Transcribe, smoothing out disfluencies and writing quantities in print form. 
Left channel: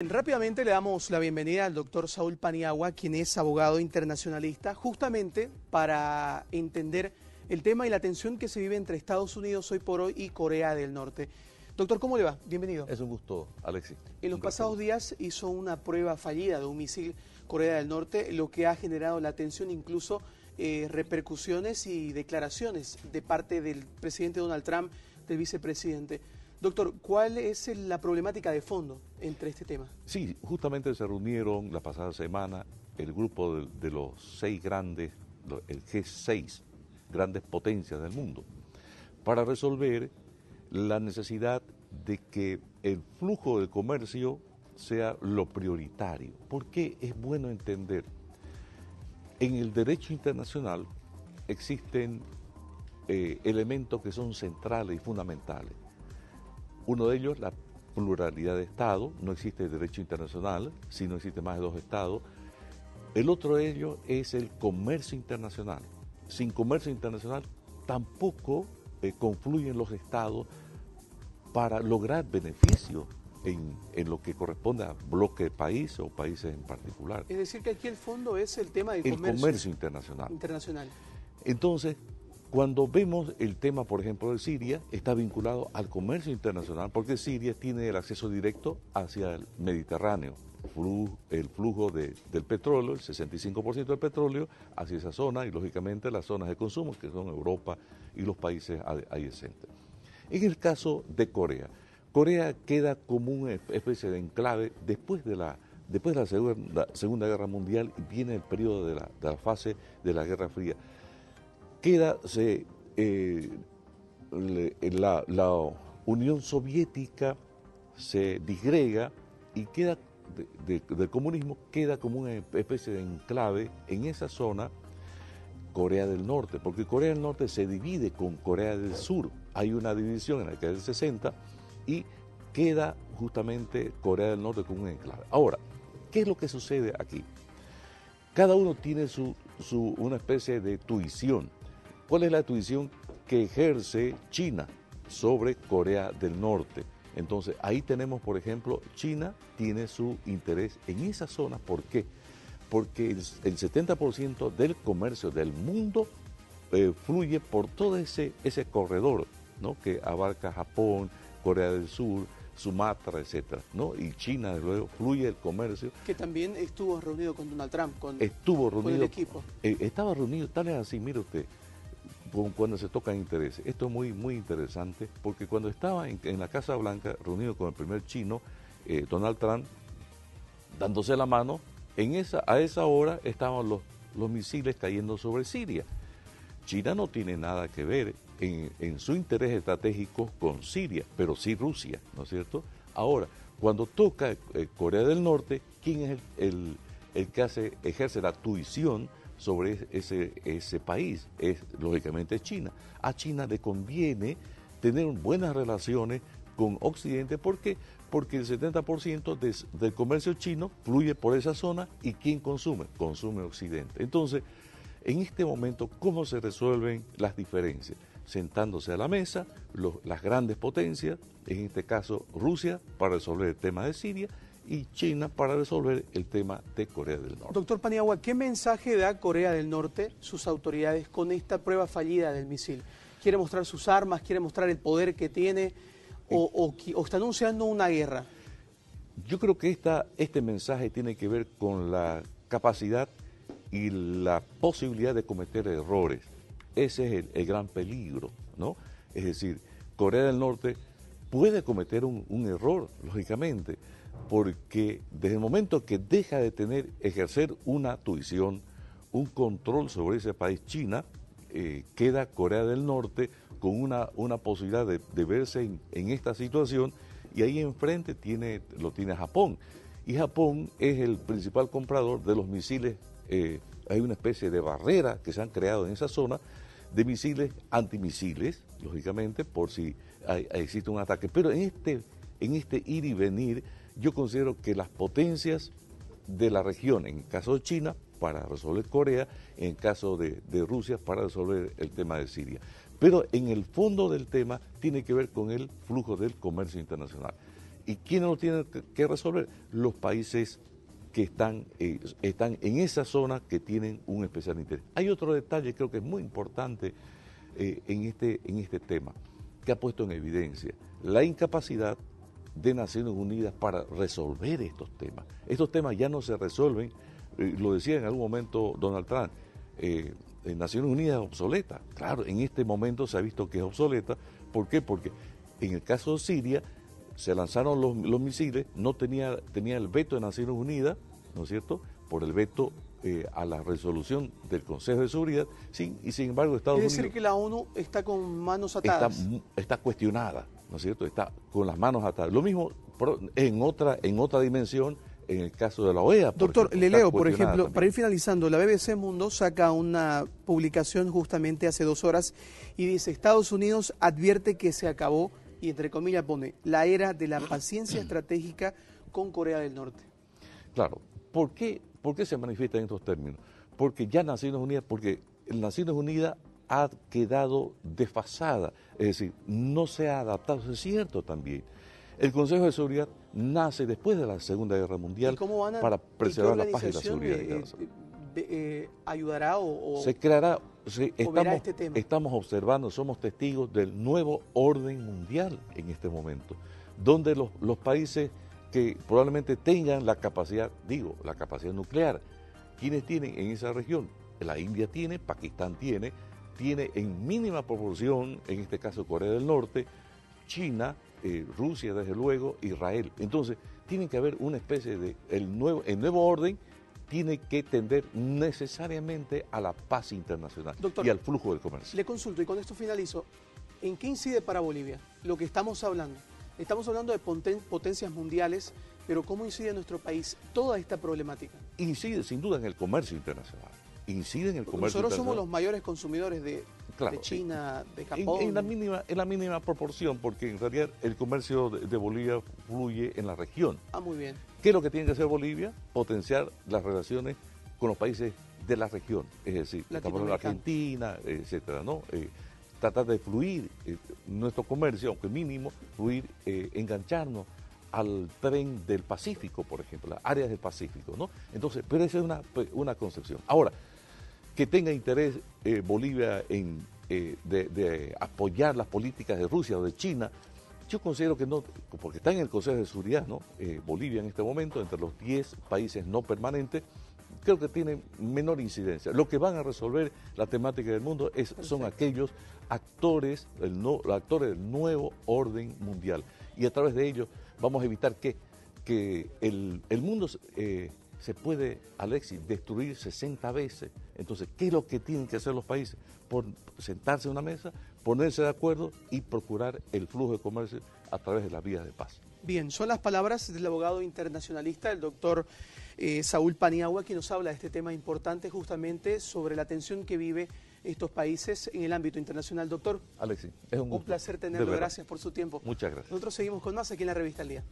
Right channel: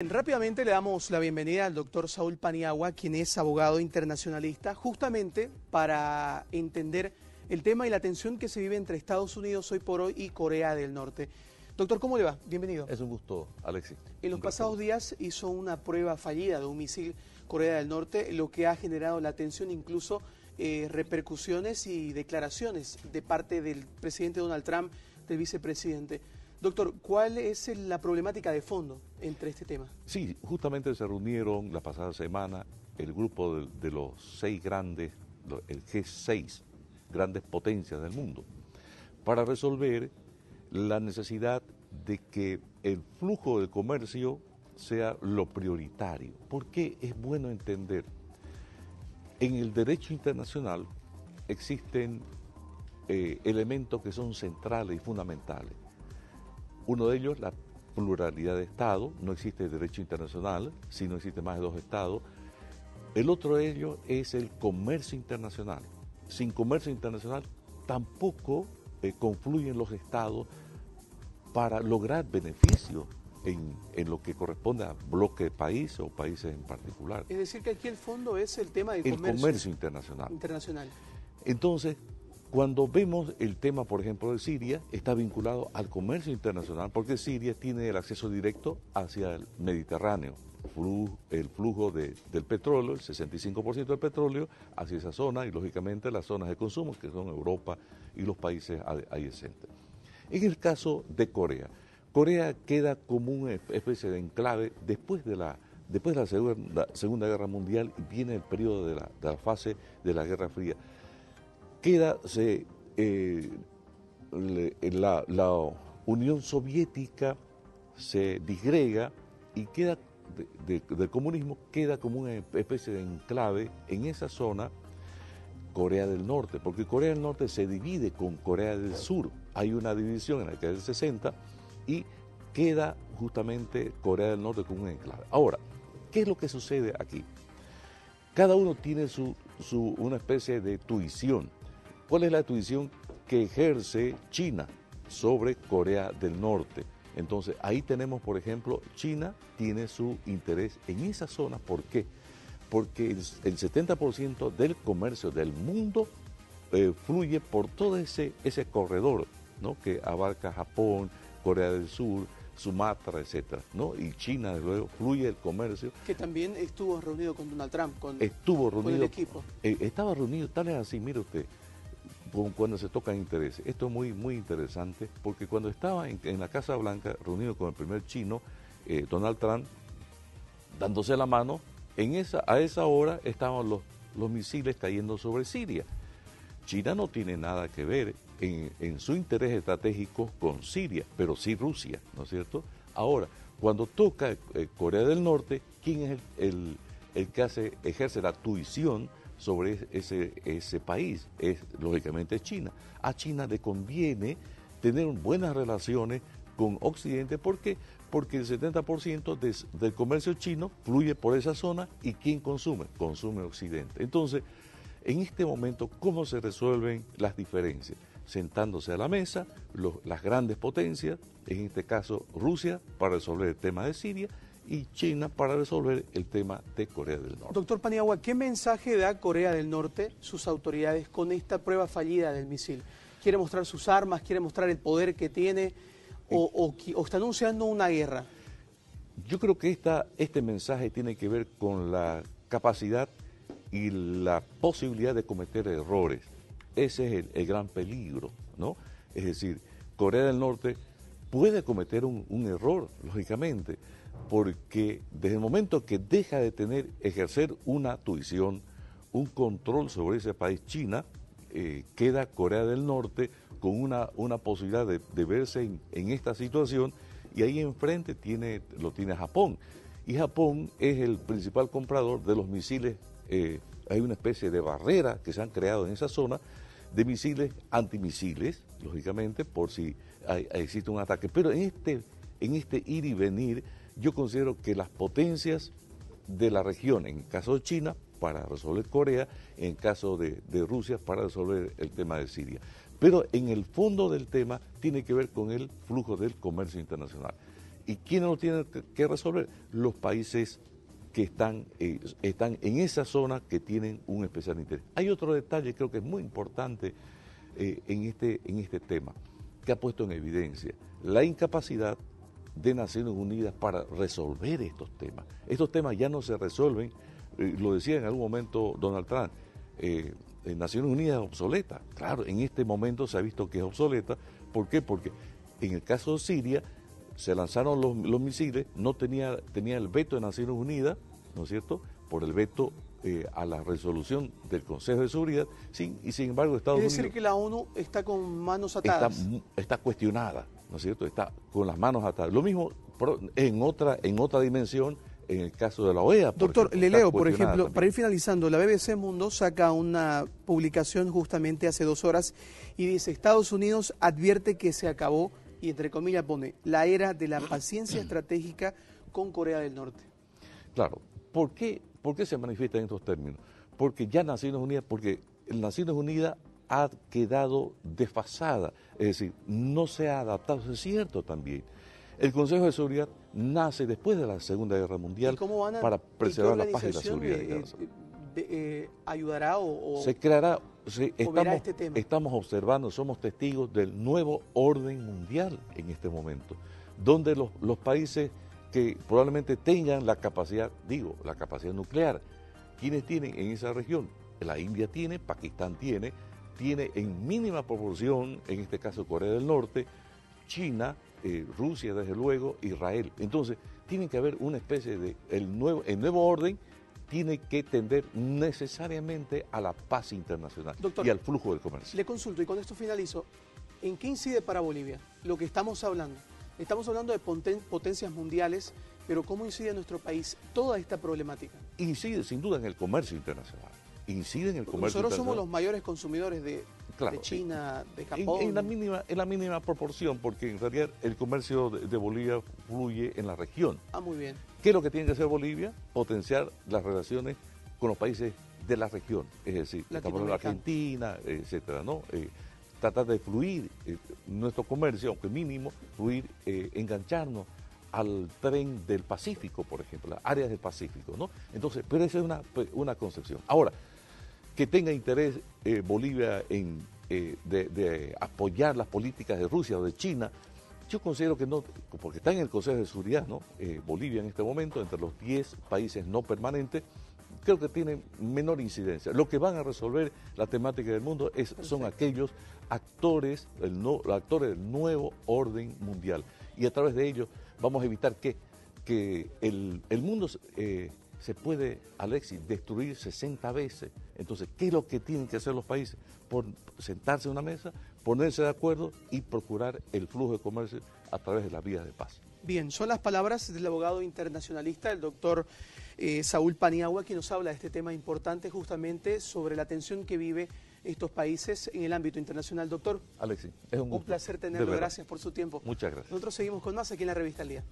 Rápidamente le damos la bienvenida al doctor Saúl Paniagua, quien es abogado internacionalista, justamente para entender el tema y la tensión que se vive entre Estados Unidos hoy por hoy y Corea del Norte. Doctor, ¿cómo le va? Bienvenido. Es un gusto, Alexis. En los pasados días hizo una prueba fallida de un misil Corea del Norte, lo que ha generado la tensión, incluso repercusiones y declaraciones de parte del presidente Donald Trump, del vicepresidente. Doctor, ¿cuál es la problemática de fondo entre este tema? Sí, justamente se reunieron la pasada semana el grupo de los 6 grandes, el G6, grandes potencias del mundo, para resolver la necesidad de que el flujo de comercio sea lo prioritario. Porque es bueno entender, en el derecho internacional existen elementos que son centrales y fundamentales. Uno de ellos, la pluralidad de Estados, no existe derecho internacional si no existe más de 2 Estados. El otro de ellos es el comercio internacional. Sin comercio internacional tampoco confluyen los Estados para lograr beneficios en lo que corresponde a bloque de países o países en particular. Es decir, que aquí el fondo es el tema del comercio internacional. Entonces, cuando vemos el tema, por ejemplo, de Siria, está vinculado al comercio internacional porque Siria tiene el acceso directo hacia el Mediterráneo, el flujo del petróleo, el 65% del petróleo hacia esa zona y, lógicamente, las zonas de consumo que son Europa y los países adyacentes. En el caso de Corea, Corea queda como una especie de enclave después de la Segunda Guerra Mundial y viene el periodo de la fase de la Guerra Fría. La Unión Soviética se disgrega y queda del comunismo queda como una especie de enclave en esa zona Corea del Norte, porque Corea del Norte se divide con Corea del Sur. Hay una división en la década del 60 y queda justamente Corea del Norte como un enclave. Ahora, ¿qué es lo que sucede aquí? Cada uno tiene una especie de tuición. ¿Cuál es la tuición que ejerce China sobre Corea del Norte? Entonces, ahí tenemos, por ejemplo, China tiene su interés en esa zona. ¿Por qué? Porque el 70% del comercio del mundo fluye por todo ese corredor, ¿no?, que abarca Japón, Corea del Sur, Sumatra, etcétera, ¿no? Y China, desde luego, fluye el comercio. Que también estuvo reunido con Donald Trump, con el equipo. Estaba reunido, tal es así, mire usted, cuando se tocan intereses. Esto es muy, muy interesante, porque cuando estaba en la Casa Blanca, reunido con el primer chino, Donald Trump, dándose la mano, a esa hora estaban los misiles cayendo sobre Siria. China no tiene nada que ver en su interés estratégico con Siria, pero sí Rusia, ¿no es cierto? Ahora, cuando toca Corea del Norte, ¿quién es el que ejerce la tuición sobre ese país? Es lógicamente China. A China le conviene tener buenas relaciones con Occidente. ¿Por qué? Porque el 70% del comercio chino fluye por esa zona y ¿quién consume? Consume Occidente. Entonces, en este momento, ¿cómo se resuelven las diferencias? Sentándose a la mesa, las grandes potencias, en este caso Rusia, para resolver el tema de Siria, y China para resolver el tema de Corea del Norte. Doctor Paniagua, ¿qué mensaje da Corea del Norte, sus autoridades, con esta prueba fallida del misil? ¿Quiere mostrar sus armas? ¿Quiere mostrar el poder que tiene? ¿O está anunciando una guerra? Yo creo que este mensaje tiene que ver con la capacidad y la posibilidad de cometer errores. Ese es el gran peligro, ¿no? Es decir, Corea del Norte puede cometer un error, lógicamente, porque desde el momento que deja de ejercer una tuición, un control sobre ese país, China, queda Corea del Norte con una posibilidad de verse en esta situación, y ahí enfrente lo tiene Japón. Y Japón es el principal comprador de los misiles. Hay una especie de barrera que se han creado en esa zona de misiles antimisiles, lógicamente, por si existe un ataque. Pero en este ir y venir, yo considero que las potencias de la región, en el caso de China, para resolver Corea, en el caso de Rusia, para resolver el tema de Siria. Pero en el fondo del tema tiene que ver con el flujo del comercio internacional. ¿Y quiénes lo tienen que resolver? Los países que están en esa zona que tienen un especial interés. Hay otro detalle, creo que es muy importante en este tema, que ha puesto en evidencia la incapacidad de Naciones Unidas para resolver estos temas. Estos temas ya no se resuelven, lo decía en algún momento Donald Trump, Naciones Unidas es obsoleta. Claro, en este momento se ha visto que es obsoleta. ¿Por qué? Porque en el caso de Siria se lanzaron los misiles, no tenía el veto de Naciones Unidas, ¿no es cierto?, por el veto a la resolución del Consejo de Seguridad, y sin embargo Estados Unidos... Es decir, que la ONU está con manos atadas. Está cuestionada, ¿no es cierto?, está con las manos atadas. Lo mismo en otra dimensión, en el caso de la OEA. Doctor, le leo, por ejemplo, también. Para ir finalizando, la BBC Mundo saca una publicación justamente hace 2 horas y dice: Estados Unidos advierte que se acabó, y entre comillas pone, la era de la paciencia estratégica con Corea del Norte. Claro, ¿por qué se manifiesta en estos términos? Porque ya Naciones Unidas ha quedado desfasada, es decir, no se ha adaptado, eso es cierto también. El Consejo de Seguridad nace después de la Segunda Guerra Mundial para preservar la paz y la seguridad. ¿Ayudará o se creará? Estamos observando, somos testigos del nuevo orden mundial en este momento, donde los países que probablemente tengan la capacidad nuclear, ¿quiénes tienen en esa región? La India tiene, Pakistán tiene en mínima proporción, en este caso Corea del Norte, China, Rusia desde luego, Israel. Entonces, tiene que haber una especie de, el nuevo orden tiene que tender necesariamente a la paz internacional. Doctor, y al flujo del comercio. Le consulto, y con esto finalizo, ¿en qué incide para Bolivia lo que estamos hablando? Estamos hablando de potencias mundiales, pero ¿cómo incide en nuestro país toda esta problemática? Incide sin duda en el comercio internacional. Nosotros somos los mayores consumidores de China, de Japón. En la mínima proporción, porque en realidad el comercio de Bolivia fluye en la región. Ah, muy bien. ¿Qué es lo que tiene que hacer Bolivia? Potenciar las relaciones con los países de la región, es decir, estamos hablando de Argentina, etcétera, ¿no? Tratar de fluir nuestro comercio, aunque mínimo, engancharnos al tren del Pacífico, por ejemplo, las áreas del Pacífico, ¿no? Entonces, pero esa es una concepción. Ahora, que tenga interés Bolivia de apoyar las políticas de Rusia o de China, yo considero que no, porque está en el Consejo de Seguridad, ¿no? Bolivia en este momento, entre los 10 países no permanentes, creo que tiene menor incidencia. Lo que van a resolver la temática del mundo son aquellos actores del nuevo orden mundial. Y a través de ellos vamos a evitar que el mundo se puede, Alexis, destruir 60 veces. Entonces, ¿qué es lo que tienen que hacer los países? Sentarse en una mesa, ponerse de acuerdo y procurar el flujo de comercio a través de las vías de paz. Bien, son las palabras del abogado internacionalista, el doctor Saúl Paniagua, que nos habla de este tema importante justamente sobre la tensión que vive estos países en el ámbito internacional. Doctor, Alexis, es un gusto. Un placer tenerlo, gracias por su tiempo. Muchas gracias. Nosotros seguimos con más aquí en la Revista al Día.